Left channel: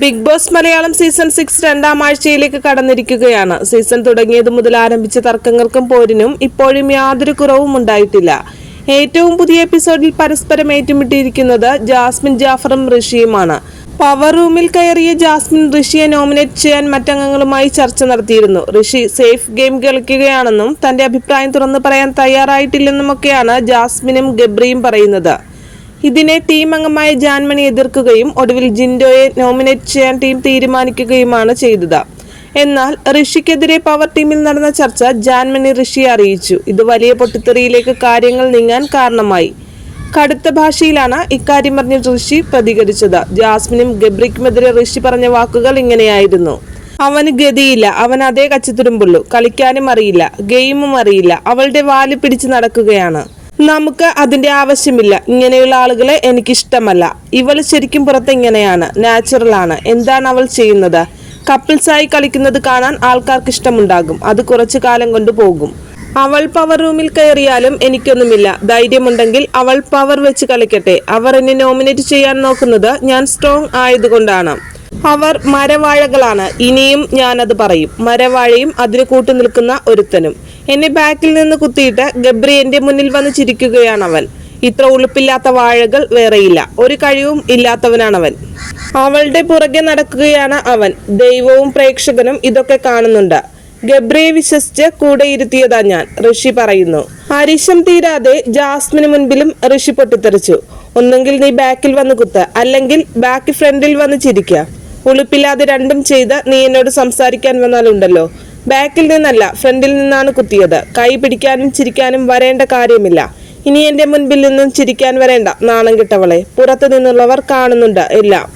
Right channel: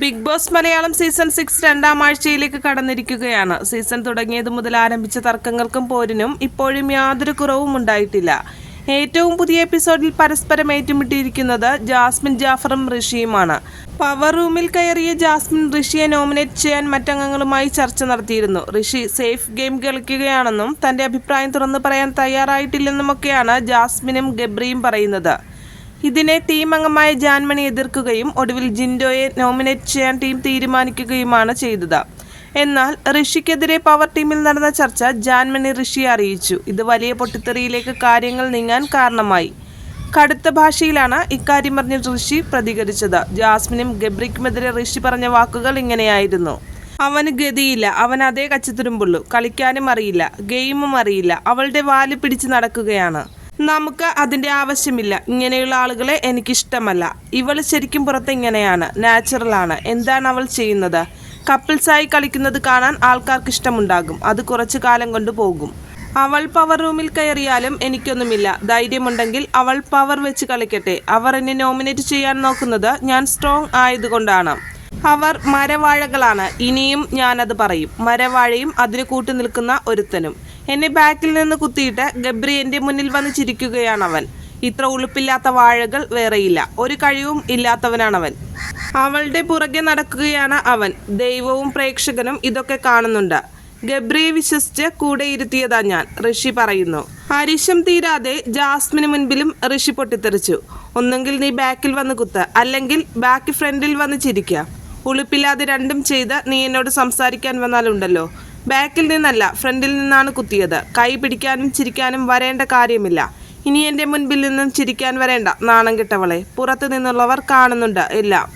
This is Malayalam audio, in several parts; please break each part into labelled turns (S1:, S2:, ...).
S1: Bigg Boss Malayalam season six രണ്ടാം ആഴ്ചയിലേക്ക് കടന്നിരിക്കുകയാണ്. സീസൺ തുടങ്ങിയതു മുതൽ ആരംഭിച്ച തർക്കങ്ങൾക്കും പോരിനും ഇപ്പോഴും യാതൊരു കുറവും ഉണ്ടായിട്ടില്ല. ഏറ്റവും പുതിയ എപ്പിസോഡിൽ പരസ്പരം ഏറ്റുമുട്ടിയിരിക്കുന്നത് ജാസ്മിൻ ജാഫറും ഋഷിയുമാണ്. പവർ റൂമിൽ കയറിയ ജാസ്മിൻ ഋഷിയെ നോമിനേറ്റ് ചെയ്യാൻ മറ്റംഗങ്ങളുമായി ചർച്ച നടത്തിയിരുന്നു. ഋഷി സേഫ് ഗെയിം കളിക്കുകയാണെന്നും തന്റെ അഭിപ്രായം തുറന്നു പറയാൻ തയ്യാറായിട്ടില്ലെന്നുമൊക്കെയാണ് ജാസ്മിനും ഗബ്രിയും പറയുന്നത്. ഇതിനെ ടീം അംഗമായ ജാൻമണി എതിർക്കുകയും ഒടുവിൽ ജിൻഡോയെ നോമിനേറ്റ് ചെയ്യാൻ ടീം തീരുമാനിക്കുകയുമാണ് ചെയ്തത്. എന്നാൽ ഋഷിക്കെതിരെ പവർ ടീമിൽ നടന്ന ചർച്ച ജാൻമണി ഋഷിയെ അറിയിച്ചു. ഇത് വലിയ പൊട്ടിത്തെറിയിലേക്ക് കാര്യങ്ങൾ നീങ്ങാൻ കാരണമായി. കടുത്ത ഭാഷയിലാണ് ഇക്കാര്യം പറഞ്ഞ് ഋഷി പ്രതികരിച്ചത്. ജാസ്മിനും ഗബ്രിക്കുമെതിരെ ഋഷി പറഞ്ഞ വാക്കുകൾ ഇങ്ങനെയായിരുന്നു. അവന് ഗതിയില്ല. അവൻ അതേ കച്ചത്തുരുമ്പുള്ളൂ. കളിക്കാനും അറിയില്ല. ഗെയിമും അറിയില്ല. അവളുടെ വാൽ പിടിച്ച് നടക്കുകയാണ്. നമുക്ക് അതിന്റെ ആവശ്യമില്ല. ഇങ്ങനെയുള്ള ആളുകളെ എനിക്കിഷ്ടമല്ല. ഇവൾ ശരിക്കും പുറത്ത് എങ്ങനെയാണ് നാച്ചുറലാണ് എന്താണ് അവൾ ചെയ്യുന്നത്? കപ്പിൾസായി കളിക്കുന്നത് കാണാൻ ആൾക്കാർക്ക് ഇഷ്ടമുണ്ടാകും. അത് കുറച്ചു കാലം കൊണ്ട് പോകും. അവൾ പവർ റൂമിൽ കയറിയാലും എനിക്കൊന്നുമില്ല. ധൈര്യമുണ്ടെങ്കിൽ അവൾ പവർ വെച്ച് കളിക്കട്ടെ. അവർ എന്നെ നോമിനേറ്റ് ചെയ്യാൻ നോക്കുന്നത് ഞാൻ സ്ട്രോങ് ആയതുകൊണ്ടാണ്. അവർ മരവാഴകളാണ്. ഇനിയും ഞാനത് പറയും. മരവാഴയും അതിന് കൂട്ടു നിൽക്കുന്ന ഒരുത്തനും. എന്നെ ബാക്കിൽ നിന്ന് കുത്തിയിട്ട് ഗബ്രി എന്റെ മുന്നിൽ വന്ന് ചിരിക്കുകയാണ് അവൻ ഇത്ര ഉളുപ്പില്ലാത്ത വാഴകൾ വേറെയില്ല. ഒരു കഴിവും ഇല്ലാത്തവനാണവൻ. അവളുടെ പുറകെ നടക്കുകയാണ് അവൻ. ദൈവവും പ്രേക്ഷകനും ഇതൊക്കെ കാണുന്നുണ്ട്. ഗബ്രിയെ വിശ്വസിച്ച് കൂടെ ഇരുത്തിയതാ ഞാൻ ഋഷി പറയുന്നു. അരിശം തീരാതെ ജാസ്മിന് മുൻപിലും ഋഷി പൊട്ടിത്തെറിച്ചു. ഒന്നെങ്കിൽ നീ ബാക്കിൽ വന്ന് കുത്ത് അല്ലെങ്കിൽ ബാക്ക് ഫ്രണ്ടിൽ വന്ന് ചിരിക്കുക ഉളുപ്പില്ലാതെ രണ്ടും ചെയ്ത് നീ എന്നോട് സംസാരിക്കാൻ വന്നാലുണ്ടല്ലോ. ബാക്കിൽ നിന്നല്ല ഫ്രണ്ടിൽ നിന്നാണ് കുത്തിയത്. കൈ പിടിക്കാനും ചിരിക്കാനും വരേണ്ട കാര്യമില്ല. ഇനി എന്റെ മുൻപിൽ നിന്നും ചിരിക്കാൻ വരേണ്ട നാണം കിട്ടവളെ പുറത്തു നിന്നുള്ളവർ കാണുന്നുണ്ട് എല്ലാം.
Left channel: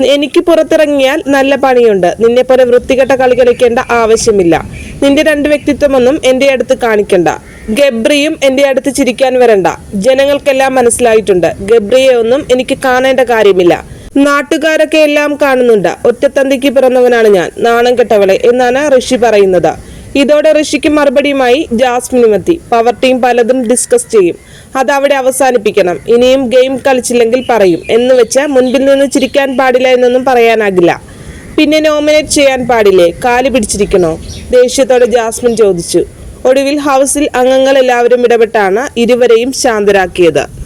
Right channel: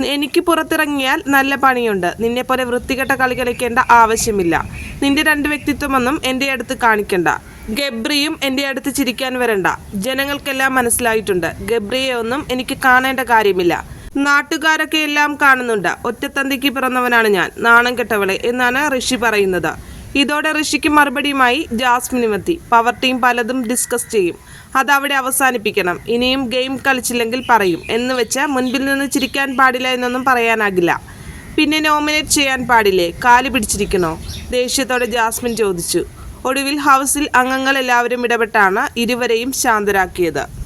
S1: എനിക്ക് പുറത്തിറങ്ങിയാൽ നല്ല പണിയുണ്ട്. നിന്നെ പോലെ വൃത്തികെട്ട കളി കളിക്കേണ്ട ആവശ്യമില്ല. നിന്റെ രണ്ട് വ്യക്തിത്വമൊന്നും എന്റെ അടുത്ത് കാണിക്കണ്ട. ഗബ്രിയും എന്റെ അടുത്ത് ചിരിക്കാൻ വരണ്ട. ജനങ്ങൾക്കെല്ലാം മനസ്സിലായിട്ടുണ്ട്. ഗബ്രിയെ ഒന്നും എനിക്ക് കാണേണ്ട കാര്യമില്ല. നാട്ടുകാരൊക്കെ എല്ലാം കാണുന്നുണ്ട്. ഒറ്റത്തന്തിക്ക് പിറന്നവനാണ് ഞാൻ. നാണം കെട്ടവളെ എന്നാണ് ഋഷി പറയുന്നത്. ഇതോടെ ഋഷിക്ക് മറുപടിയുമായി ജാസ്മിനും എത്തി. പവർ ടീം പലതും ഡിസ്കസ് ചെയ്യും. അത് അവിടെ അവസാനിപ്പിക്കണം. ഇനിയും ഗെയിം കളിച്ചില്ലെങ്കിൽ പറയും. എന്ന് വെച്ച് മുൻപിൽ നിന്ന് ചിരിക്കാൻ പാടില്ല എന്നൊന്നും പറയാനാകില്ല. പിന്നെ നോമിനേറ്റ് ചെയ്യാൻ പാടില്ലേ? കാൽ പിടിച്ചിരിക്കണോ? ദേഷ്യത്തോടെ ജാസ്മിൻ ചോദിച്ചു. ഒടുവിൽ ഹൗസിൽ അംഗങ്ങൾ എല്ലാവരും ഇടപെട്ടാണ് ഇരുവരെയും ശാന്തരാക്കിയത്.